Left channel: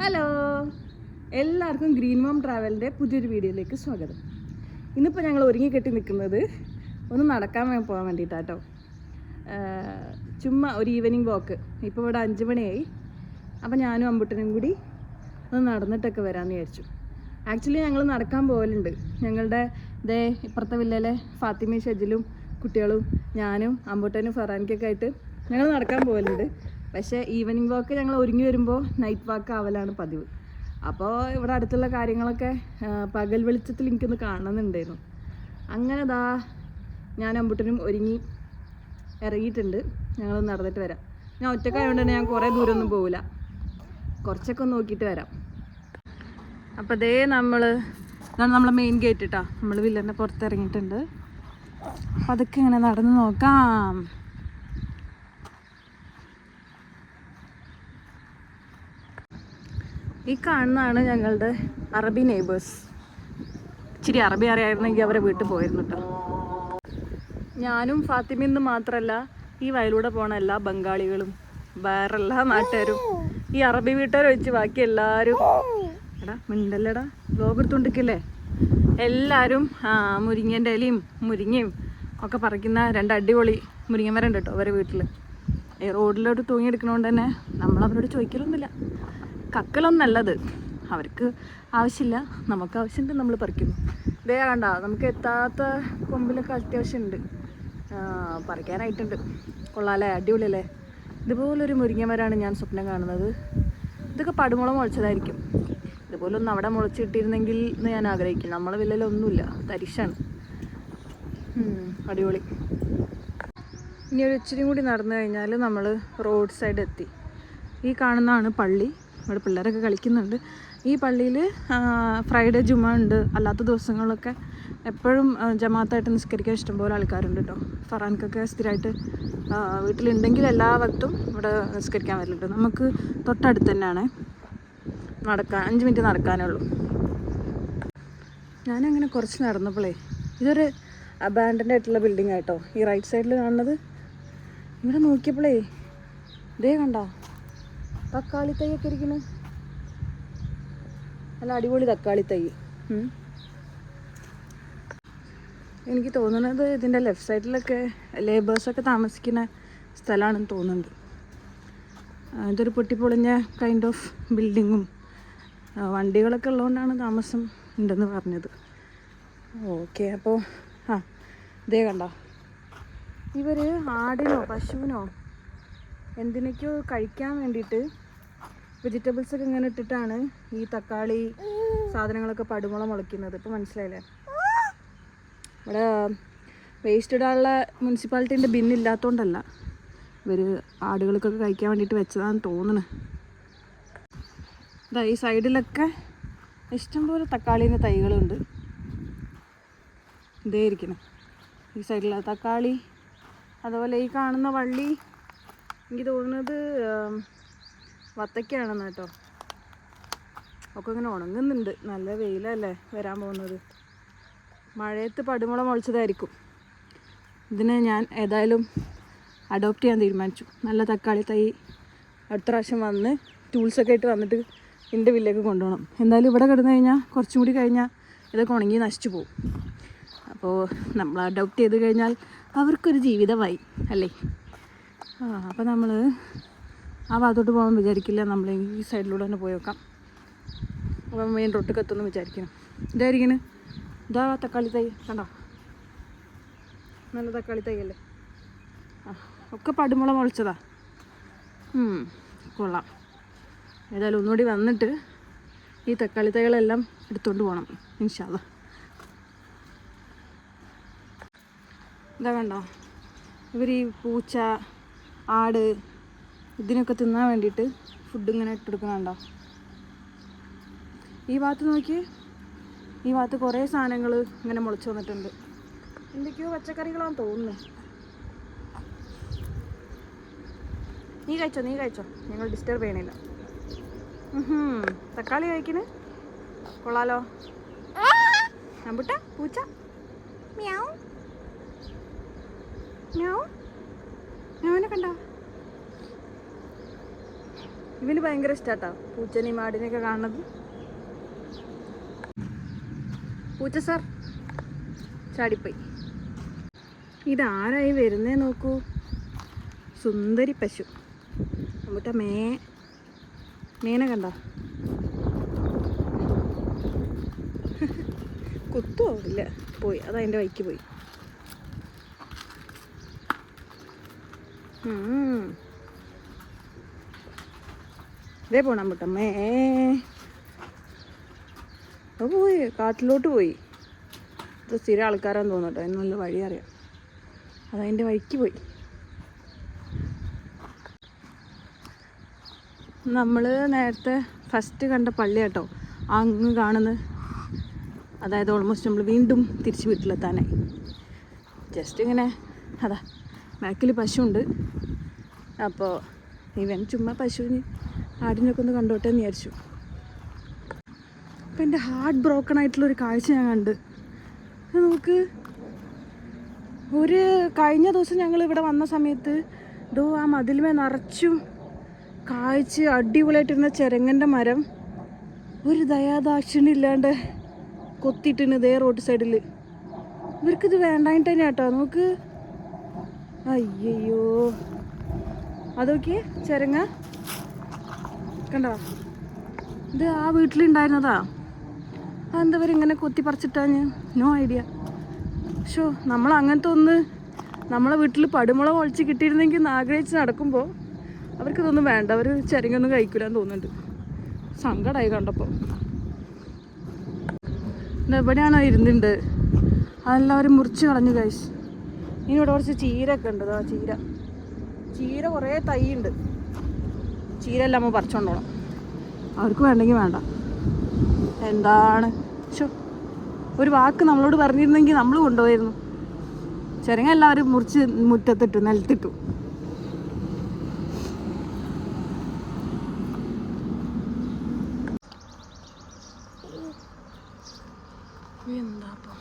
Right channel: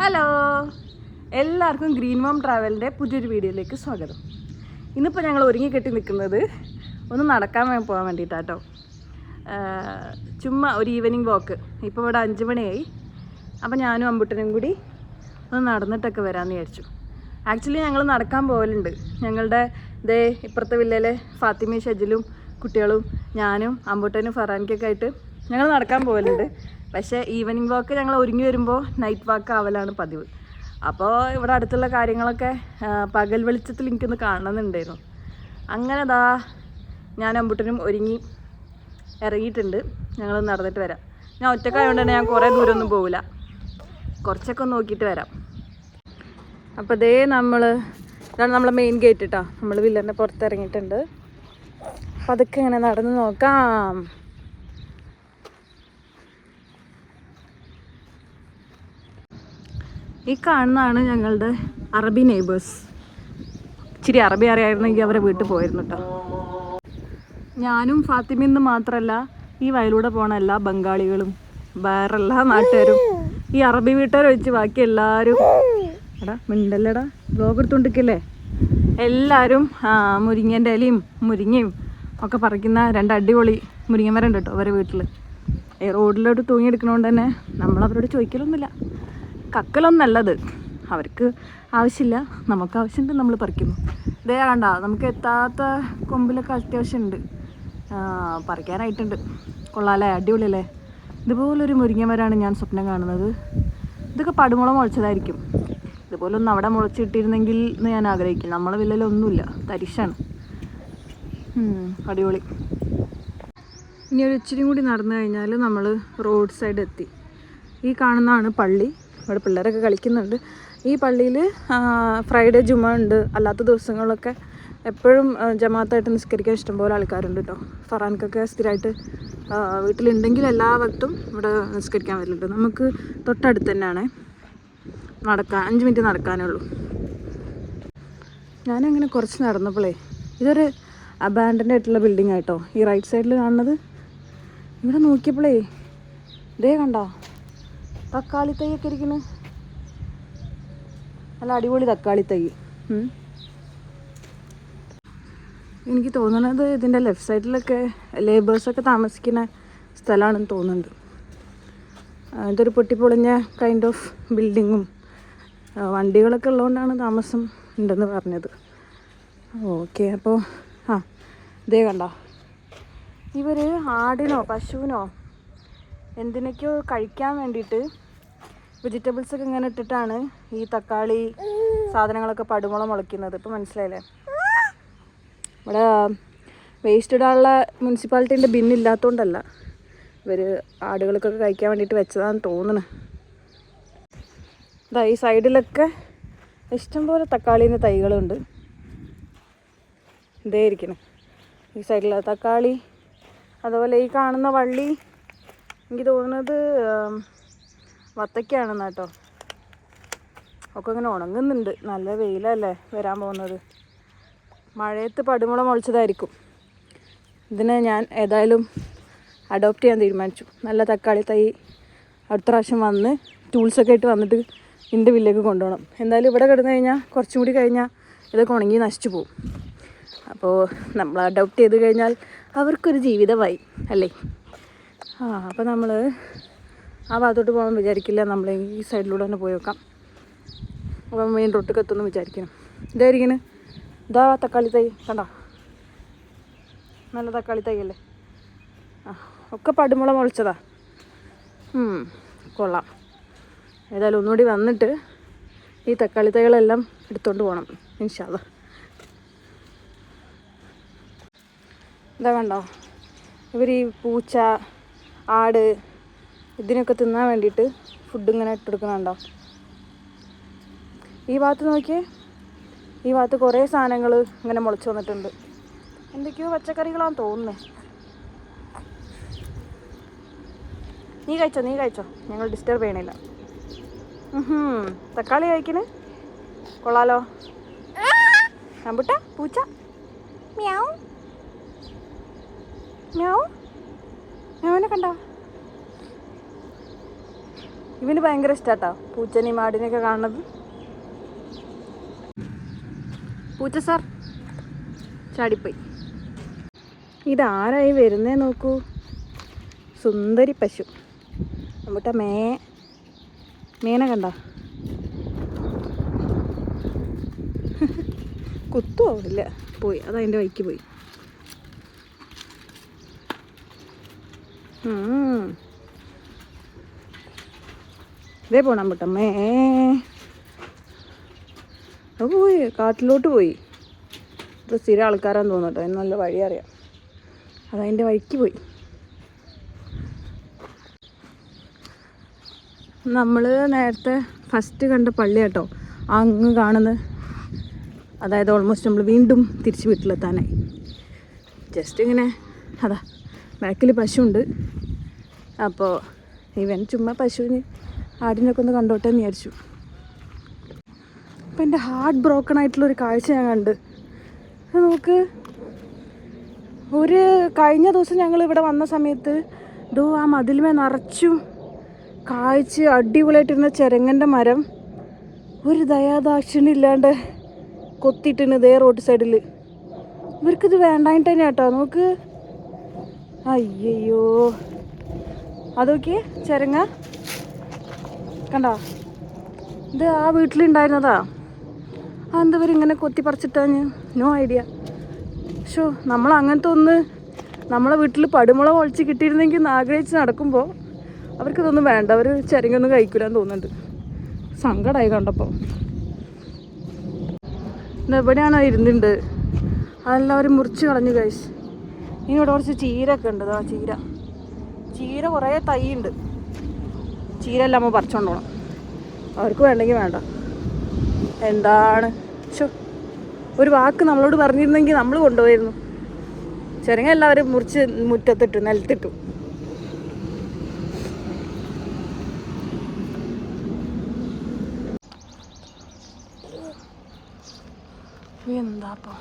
Hello, എല്ലാവർക്കും green mom ട്രാവലിൻ്റെ പുതിയൊരു വീഡിയോയിലേക്ക് സ്വാഗതം. ഇന്നിപ്പോൾ ഞങ്ങൾ ഒരുങ്ങിക്കെട്ടി നിൽക്കുന്നത് ഒന്ന് നടക്കാൻ പോകാൻ വേണ്ടിയിട്ടാട്ടോ. ചുമ്മാ ഒരു ഈവനിങ് വാക്ക്. ഇപ്പോൾ ഇവിടെ 5 മണിയായി. അപ്പോൾ ഞാനും അമ്പുട്ടനും കൂടി ഒന്ന് നടന്നിട്ടൊക്കെ വരാമെന്ന് വിചാരിച്ചു. ആക്ച്വലി ഞങ്ങൾ നടക്കാൻ പോകലുണ്ട്. ഞങ്ങളുടെ ഇപ്പുറത്തെ വില്ലയിലെ ഫാത്തിമയും ഷജിലും കുട്ടികളും ഞാനും അമ്പുട്ടനും ഫറാൻക്കൊക്കെ ആയിട്ട് ഞങ്ങൾ നടക്കാൻ പോകലുണ്ട്. പക്ഷേ ഈവനിങ് വാക്ക് ഞങ്ങൾ ഒരുങ്ങി വരുമ്പോൾ നൈറ്റ് വാക്ക് ആവലാണ് പതിവ്. അപ്പോൾ ഇവിടെ അടുത്തുള്ള കാര്യങ്ങളൊക്കെ പകൽ വെളിച്ചത്തിൽ എനിക്കൊന്ന് കാണണമെന്നുണ്ടായിരുന്നു. അങ്ങനെ ഞാൻ അമ്പുട്ടനും ഒരുങ്ങി ഇറങ്ങിയിട്ടുണ്ട്. ഞങ്ങൾ നടന്നിട്ട് വരാം. ഞാൻ ഒറ്റക്കായതുകൊണ്ട് തന്നെ ഞാൻ കുറേ ദൂരമൊന്നും പോകില്ല, കുറച്ചൊക്കെ ഒന്ന് നോക്കിയിട്ട് വരാം. അപ്പോൾ ഇതാണ് നമ്മളെ മെയിൻ ഗേറ്റ് കേട്ടോ. നമ്മൾ വില്ലൻ്റെ പുറത്തിറങ്ങിയിട്ടുണ്ട്. അപ്പം അതൊക്കെ ഇങ്ങനെ നടന്ന് നോക്കാം. ഈ കാണുന്നതാണ് ഞങ്ങളുടെ അറബി നെയ്ബേഴ്സ്. ഇച്ചിരി അറബി അറിയായിരുന്നെങ്കിൽ അവരെ വീട്ടിൽ പോയിരുന്നു കേട്ടോ. ഞാനും ഫാത്തിമയെന്ന് മാത്രമല്ല, ഈ വയലൂടെ പോണ എല്ലാ ബംഗാളികളും വേറെ എല്ലാ നാട്ടുകാരും ഈ അറബി വീട്ടുകാർ ഒഴിച്ച് ബാക്കി എല്ലാവരും മിണ്ടല്ലടാ ബ്ലോഗ് എടുത്തോണ്ടിരിക്കല്ലേ, എല്ലാവരും മുരിങ്ങേൻ്റെ ഇലയും മുരിങ്ങയും ഒക്കെ പറിക്കുന്ന 2 അടിപൊളി മുരിങ്ങമരം ഉണ്ട് കേട്ടോ അവരെ വീട്ടിൽ. റോഡിലോട്ട് തൂങ്ങിയെടുക്കണോണ്ട് തന്നെ നമ്മളവരോട് ചോദിക്കലൊന്നുമില്ല, കക്കലൊന്നല്ലത്. അവർക്ക് ആവശ്യമില്ല, നമുക്ക് ആവശ്യമുണ്ട്, നമ്മൾ പറിക്കുന്നു. ഇതേ കണ്ട, നമുക്ക് എത്താത്ത കൊമ്പിലൊക്കെ അത്യാവശ്യമുണ്ട്, പറിക്കാനായിട്ടുണ്ട്. കൊള്ളാല്ലേ, അടിപൊളിയല്ലേ. ഇതുപോലൊരു മുരിങ്ങമരമാണ് ഞാൻ സ്വപ്നം കാണുന്നത്. ഇതൊക്കെ പടുമുള മുളച്ചതായിരിക്കും. ഇതുപോലൊന്നും അവിടെ മുളച്ചിട്ടിരുന്നെങ്കിൽ എന്ന് ഞാൻ ആഗ്രഹിക്കും. നമ്മളെ വില്ലയിലൊന്നുമില്ല, തരിശാണ്. അടിപൊളി. ഇനി ഒരു ഇച്ചിരി കൂടി നടന്നു കഴിഞ്ഞാൽ നമ്മൾ റോഡ് സൈഡ് എത്തി. ഈ കാണുന്നതാണ് പള്ളി. ഇവിടെ പിള്ളേരൊക്കെ കളിക്കുന്നുണ്ട്. ഈ പള്ളിയിൽ ഫ്രൈഡേ ജുമ ഉണ്ട്. അല്ലാത്ത ദിവസങ്ങളിലൊക്കെ എപ്പോഴും ജമാഅത്തായിട്ട് നിസ്കരിക്കാൻ ഇഷ്ടംപോലെ ആൾക്കാരുണ്ട് കേട്ടോ. ഫറാൻക്കൊക്കെ സ്ഥിരമായിട്ട് വീട്ടിലുണ്ടെങ്കിൽ എല്ലാ വക്തും ഇവിടെ നിസ്കരിക്കാൻ വരുന്നുണ്ട്. നമുക്ക് തൊട്ടടുത്ത് തന്നെയാണ്, 5 മിനിറ്റ് നടക്കാനേ ഉള്ളൂ. ഞാനങ്ങനെ കുറച്ച് നടന്നപ്പോഴേ ഇതൊരു അബാൻഡൻഡ് ആയിട്ടുള്ള ബിൽഡിംഗ് ആയിട്ടോ. ഈ റൈറ്റ് സൈഡിൽ കാണുന്നത്. ഇവിടെ നോക്കിയപ്പോഴേ ഇതേ കണ്ടോ, തക്കാളി തൈയൊക്കെ ഇരിക്കുന്നു. നല്ല അടിപൊളി തക്കാളി തൈ. എനിക്ക് തോന്നുന്നത് ഇതിൻ്റെ ലെഫ്റ്റ് സൈഡിലൊക്കെ ലേബേഴ്സൊക്കെ താമസിക്കുന്ന സ്ഥലമാണെന്ന് തോന്നുന്നുണ്ട്. ഇതൊരു പൊട്ടിപ്പൊളിഞ്ഞ കൈൻഡ് ഓഫ് ബിൽഡിങ്ങും വണ്ടികളൊക്കെ ഉള്ളതുകൊണ്ടാണ് താമസം ഉണ്ടെന്ന് പറഞ്ഞത്. ഓക്കെ, അപ്പോൾ ഇതേ കണ്ടോ, ഇവർ ആടിനോ പശുവിനോ എന്തിനൊക്കെയോ കഴിക്കാൻ വേണ്ടിയിട്ട് വെജിറ്റബിൾസൊക്കെ ഇങ്ങനെ ഇട്ടിട്ടാണ് ഈ തക്കാളി സാധനങ്ങളൊക്കെ പടുമുള മുളയ്ക്കുന്നത്. ഇപ്പോൾ മനസ്സിലായില്ലേ. ഇവിടെ വേസ്റ്റ് ഇടാനുള്ള മുനിസിപ്പാലിറ്റീൻ്റെ ബിന്നില്ലാത്തതുകൊണ്ടല്ല, ഇവർ ആടുകൾക്കൊക്കെ കഴിക്കാൻ വേണ്ടിയിട്ട് വെച്ചതാണെന്ന് തോന്നുന്നു. ഈ സൈഡിലൊക്കെ ഇഷ്ടംപോലെ തക്കാളീൻ്റെ തൈകളുണ്ട്. ഇതേ ഇരിക്കണം ഈ സൈഡിലെ തക്കാളി. അതുപോലെ ഈ കാണുന്ന വള്ളി എനിക്ക് തോന്നുന്നത് വത്തയ്ക്കാണെന്ന് കേട്ടോ. ഒക്കെ ഇങ്ങനെ ഉണങ്ങുന്നുണ്ട്. നല്ല വെയിലല്ലേ വരാൻ പോകുന്നത്. മഴയത്ത് പടുമുള മുളച്ചതായിരിക്കും. ഇതിനെ ഞാൻ ഏതായാലും അഡോപ്റ്റ് ചെയ്യാൻ തീരുമാനിച്ചു. നല്ല തക്കാളി തൈ അടുത്ത പ്രാവശ്യം വന്ന് ടൂൾസൊക്കെ ആയിട്ട് വന്നിട്ട് എൻ്റെ വില്ലേക്ക് കൊണ്ടുപോകണം. എന്തായാലും ഇവിടെ കിടന്നു കഴിഞ്ഞാൽ കുറച്ചും കൂടി കഴിഞ്ഞാൽ ഇതൊക്കെ ഉണങ്ങി നശിച്ചു പോകും. അപ്പോൾ നമ്മൾ അഡോപ്റ്റ് ചെയ്ത് കഴിഞ്ഞാൽ അവർക്കൊരു ജീവിതമായി അല്ലേ. അപ്പോൾ നമ്മൾ ആ ഭാഗത്തോട്ട് പോകാൻ വിചാരിക്കില്ല. നമ്മൾ ഈ സൈഡിലൂടെ തന്നെ പോയി വെക്കാം. അപ്പം മെയിൻ റോട്ടിൽ എത്തുമെന്ന് വിചാരിക്കണം. ഇതായിരിക്കണം. ഇതാ തക്കാളി തൈ കണ്ടോ, നല്ല തക്കാളി തൈ അല്ലേ. ഒക്കെ പടുമുള മുളച്ചതാ. കൊള്ളാം. ഏതായാലും ഒന്നുകൂടി വന്നിട്ട് ഈ തക്കാളി തൈകളെല്ലാം എടുത്തുകൊണ്ട് പോകണം ഇൻഷാ അല്ലാ. ഇതാ കണ്ടോ, ഇവർ ഈ പൂച്ച ആട് ഇതിനൊക്കെ തിന്നാൻ വേണ്ടിയിട്ട് ഫുഡ് ഇങ്ങനെ ഇട്ടെടുക്കുന്നുണ്ടോ. ഈ ഭാഗത്ത് നോക്കിയേ, ഈ ഭാഗത്ത് കുറേ സാധനങ്ങൾ ഇങ്ങനെ മുളച്ച് വന്നിട്ടുണ്ട്. എന്തൊക്കെയോ പച്ചക്കറികളാണെന്ന് തോന്നുന്നത്. നീ കഴിച്ചോ, ഞങ്ങൾ ഡിസ്റ്റർബ് ചെയ്യണില്ല. തക്കാളി കഴിക്കണ് കൊള്ളാലോ. അമ്പുട്ട പൂച്ച മ്യാവ് മ്യാവ് മ്യാവിനെ കണ്ടോ. ഇവന് ഭയങ്കര ഇഷ്ടാട്ടോ പൂച്ചനെയും ആടിനെയൊക്കെ കാണുന്നത്. പൂച്ച സാർ ചാടിപ്പോയി. ഇതാരായി വരുന്നേ നോക്കൂ, സുന്ദരി പശു. നമ്മുടെ മേനെ കണ്ട കുത്തുമില്ല, പോയി, അതതിൻ്റെ വഴിക്ക് പോയി. ഇതേ പോണം മുട്ടമ്മേ. പോയി, കാട്ടിലോട്ട് പോയി. ഇത് സ്ഥിരം ആൾക്കാരാന്ന് തോന്നട്ടോ, അതിന് നല്ല വഴി അറിയാം. അതതിൻ്റെ വഴിക്ക് പോയി. നമ്മൾ നേരത്തെ ഫസ്റ്റ് കണ്ട പള്ളി കേട്ടോ അങ്ങ് കാണുന്നത്. അതായത് ഓൾമോസ്റ്റ് നമ്മൾ വീണ്ടും തിരിച്ച് വീട്ടിലെത്താനായി. ജസ്റ്റ് ഇങ്ങനെ അതാ ബാക്കിൽ പശുവുണ്ട്. അപ്പോൾ ഇവൻ ചുമ്മാ പശുവിന് ആടിനൊക്കെ ഒന്ന് കണ്ടോട്ടെ എന്ന് വിചാരിച്ചു. അപ്പം എൻ്റെ ഹാർട്ട് ബ്രോക്കൺ ആയിട്ടുള്ളൊരു കാഴ്ച ഞാൻ കണ്ട്. നോക്ക്, കഴിഞ്ഞ ദിവസം ഞങ്ങൾ ഇവിടെ വന്ന സമയത്ത് ആ മതിലുമേ നിറച്ചും കായ്ച്ച് അടിപൊളിയായിട്ടിരുന്ന ചെരങ്ങൻ്റെ മരം ഒരു ദയാദാക്ഷിണ്യം ഇല്ലാണ്ട് കൊത്തിയിട്ടുണ്ട് ഇതേ റോഡ് സൈഡിൽ. ഇവർക്കിത് വേണ്ടായിട്ട് തന്നെ കേട്ടോ. നോക്ക്, അയ്യോ അതൊക്കെ ചെരങ്ങ കണ്ടോ, ഇത് ആ വീട്ടിലുണ്ടായിരുന്നതാ. എന്താ ഇങ്ങനെ കൊത്തി പറിച്ചിട്ടാഞ്ഞ്, നോ ഐഡിയ. ഷോ, നമ്മൾ അങ്ങനത്തെ ഒന്ന് നമ്മളെ വീട്ടിൽ പടുമുള ഒളിച്ച് കിട്ടിയിരുന്നെങ്കിൽ ആഗ്രഹിച്ച് നടക്കുമ്പോൾ അവർക്കിതൊന്നും വേണ്ട. അവർ ചെരങ്ങൊന്നും കഴിക്കില്ലാന്ന് തോന്നുന്നുണ്ട്. സങ്കടമായി കണ്ടപ്പോൾ. എവിടെയാണോ ഇരുന്നുണ്ട് അതെല്ലാവരും മുറിച്ച് കളഞ്ഞു കഴിച്ച്. ഇനി ഇവിടെ കുറച്ച് ചീരൊക്കെ ഉണ്ട്. ആ ചീര കുറേ തൈ ഉണ്ട്. ചീര എല്ലാം നമ്മൾ പറിച്ചോണ്ട് പോകണം. അവർക്ക് വേണ്ടെങ്കിൽ വേണ്ട. എന്താണ് ഷോ, ഒരു വാക്ക് നമ്മളോട് പറഞ്ഞിരുന്നെങ്കിൽ നമ്മൾ കൊണ്ടുപോയിരുന്നു. ചെരങ്ങ എല്ലാവരും മുറിച്ച് മുറ്റത്തിട്ടു, നിലത്തിട്ടു. എന്താപ്പോ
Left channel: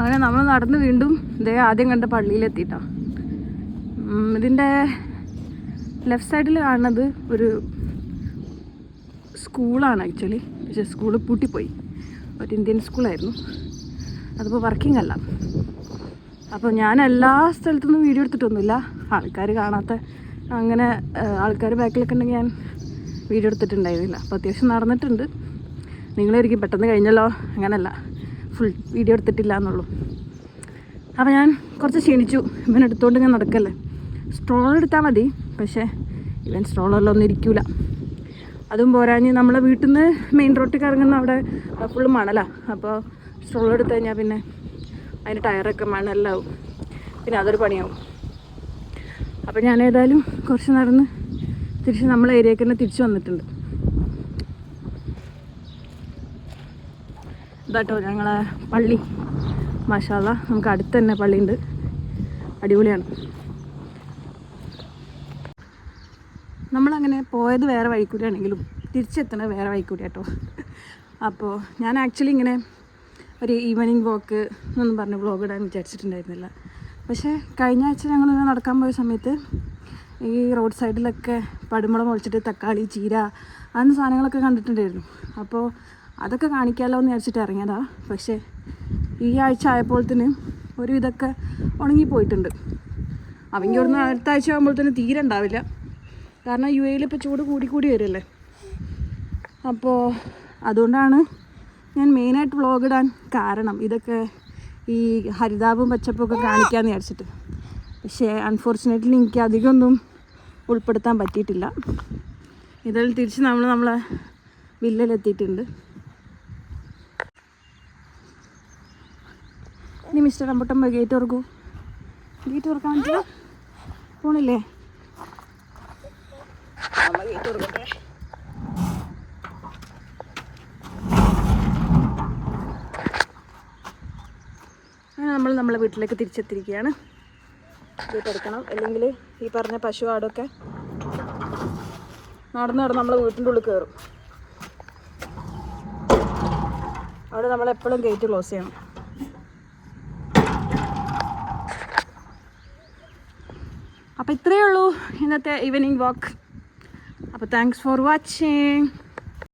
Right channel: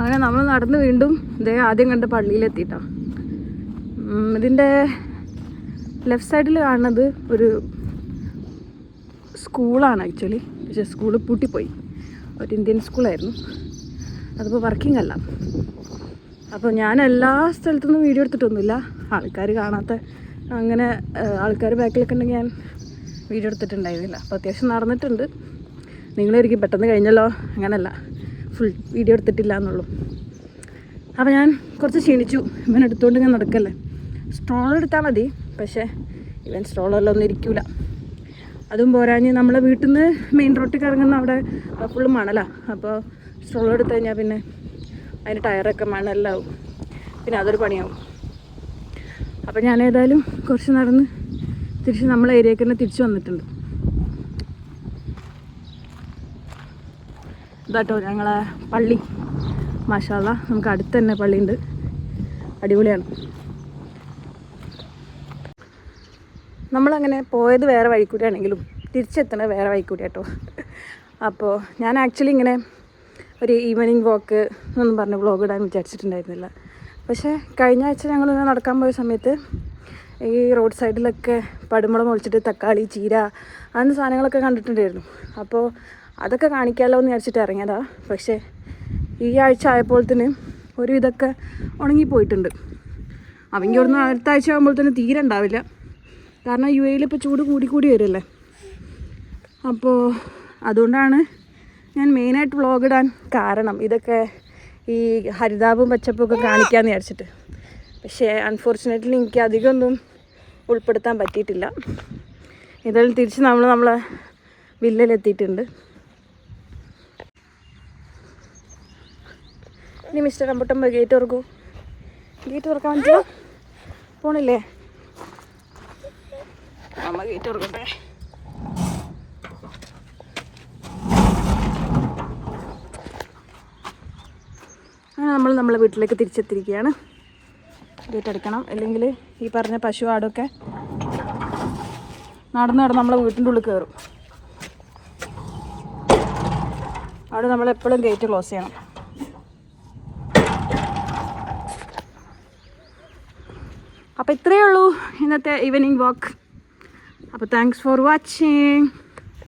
അങ്ങനെ നമ്മൾ നടന്ന് വീണ്ടും ഇതേ ആദ്യം കണ്ട പള്ളിയിലെത്തിയിട്ടാ. ഇതിൻ്റെ ലെഫ്റ്റ് സൈഡിൽ കാണുന്നത് ഒരു സ്കൂളാണ് ആക്ച്വലി. പക്ഷേ സ്കൂള് പൂട്ടിപ്പോയി. ഒരു ഇന്ത്യൻ സ്കൂളായിരുന്നു. അതിപ്പോൾ വർക്കിംഗ് അല്ല. അപ്പോൾ ഞാൻ എല്ലാ സ്ഥലത്തുനിന്നും വീഡിയോ എടുത്തിട്ടൊന്നുമില്ല. ആൾക്കാർ കാണാത്ത അങ്ങനെ ആൾക്കാർ ബാക്കിലൊക്കെ ഉണ്ടെങ്കിൽ ഞാൻ വീഡിയോ എടുത്തിട്ടുണ്ടായിരുന്നില്ല. അപ്പോൾ അത്യാവശ്യം നടന്നിട്ടുണ്ട്. നിങ്ങളൊരിക്കും പെട്ടെന്ന് കഴിഞ്ഞല്ലോ, അങ്ങനല്ല, ഫുൾ വീഡിയോ എടുത്തിട്ടില്ല എന്നുള്ളൂ. അപ്പോൾ ഞാൻ കുറച്ച് ക്ഷീണിച്ചു. ഇവൻ എടുത്തുകൊണ്ട് ഞാൻ നടക്കല്ലേ. സ്ട്രോളർ എടുത്താൽ മതി, പക്ഷേ ഇവൻ സ്ട്രോളറിലൊന്നും ഇരിക്കില്ല. അതും പോരാഞ്ഞ് നമ്മളെ വീട്ടിൽ നിന്ന് മെയിൻ റോട്ടിൽ ഇറങ്ങുന്ന അവിടെ ഫുള്ള് മണലാണ്. അപ്പോൾ സ്ട്രോളർ എടുത്തു കഴിഞ്ഞാൽ പിന്നെ അതിൻ്റെ ടയറൊക്കെ മണ്ണെല്ലാം, പിന്നെ അതൊരു പണിയാവും. അപ്പോൾ ഞാൻ ഏതായാലും കുറച്ച് നടന്ന് തിരിച്ച് നമ്മളെ ഏരിയയ്ക്ക് തന്നെ തിരിച്ചു വന്നിട്ടുണ്ട്. ഇതാട്ടോ ഞങ്ങളെ പള്ളി. മാഷാ അല്ലാ, നമുക്ക് അടുത്ത് തന്നെ പള്ളിയുണ്ട്. അടിപൊളിയാണ്. നമ്മളങ്ങനെ പോയത് വേറെ വഴിക്കൂടിയാണെങ്കിലും തിരിച്ചെത്തണത് വേറെ വഴിക്കൂടി കേട്ടോ. അപ്പോൾ ഞാൻ ആക്ച്വലി ഇങ്ങനെ ഒരു ഈവനിങ് വാക്ക് എന്നൊന്നും പറഞ്ഞ് വ്ളോഗ് ഇടാൻ വിചാരിച്ചിട്ടുണ്ടായിരുന്നില്ല. പക്ഷേ കഴിഞ്ഞ ആഴ്ച ഞങ്ങളിങ്ങനെ നടക്കാൻ പോയ സമയത്ത് ഈ റോഡ് സൈഡിലൊക്കെ പടുമുളം ഒഴിച്ചിട്ട് തക്കാളി, ചീര, അങ്ങനത്തെ സാധനങ്ങളൊക്കെ കണ്ടിട്ടുണ്ടായിരുന്നു. അപ്പോൾ അതൊക്കെ കാണിക്കാമല്ലോ എന്ന് വിചാരിച്ചിട്ട് ഇറങ്ങിയതാണ്. പക്ഷേ ഈ ആഴ്ച ആയപ്പോഴത്തേന് ഒരു ഇതൊക്കെ ഉണങ്ങിപ്പോയിട്ടുണ്ട്. അവങ്കി ഇവിടുന്ന് അടുത്ത ആഴ്ച ആകുമ്പോഴത്തേന് തീരെ ഉണ്ടാവില്ല. കാരണം യു എയിൽ ഇപ്പോൾ ചൂട് കൂടി വരില്ലേ. അപ്പോൾ അതുകൊണ്ടാണ് ഞാൻ മെയിനായിട്ട് വ്ളോഗ് ഇടാൻ കാരണം. ഇതൊക്കെ ഈ ഹരിതാപവും പച്ചപ്പൊക്കെ കാണിക്കാമെന്ന് വിചാരിച്ചിട്ട്. പക്ഷേ അൺഫോർച്ചുനേറ്റ്ലി എനിക്ക് അധികമൊന്നും ഉൾപ്പെടുത്താൻ പറ്റിയിട്ടില്ല. ഇതെല്ലാം തിരിച്ച് നമ്മളെ വില്ലയിലെത്തിയിട്ടുണ്ട്. ഇനി മിസ്റ്റർ റംബുട്ടൻ ഗേറ്റ് തുറക്കൂ. ഗേറ്റ് തുറക്കാൻ പറ്റില്ല, പോണില്ലേ? അങ്ങനെ നമ്മളെ വീട്ടിലേക്ക് തിരിച്ചെത്തിയിരിക്കുകയാണ്. വീട്ടെടുക്കണം, അല്ലെങ്കിൽ ഈ പറഞ്ഞ പശു ആടൊക്കെ നടന്ന് നമ്മളെ വീട്ടിൻ്റെ ഉള്ളിൽ കയറും. അവിടെ നമ്മളെപ്പോഴും ഗേറ്റ് ക്ലോസ് ചെയ്യണം. അപ്പോൾ ഇത്രയേ ഉള്ളൂ ഇന്നത്തെ ഈവനിങ് വാക്ക്. അപ്പോൾ താങ്ക്സ് ഫോർ വാച്ചിങ്.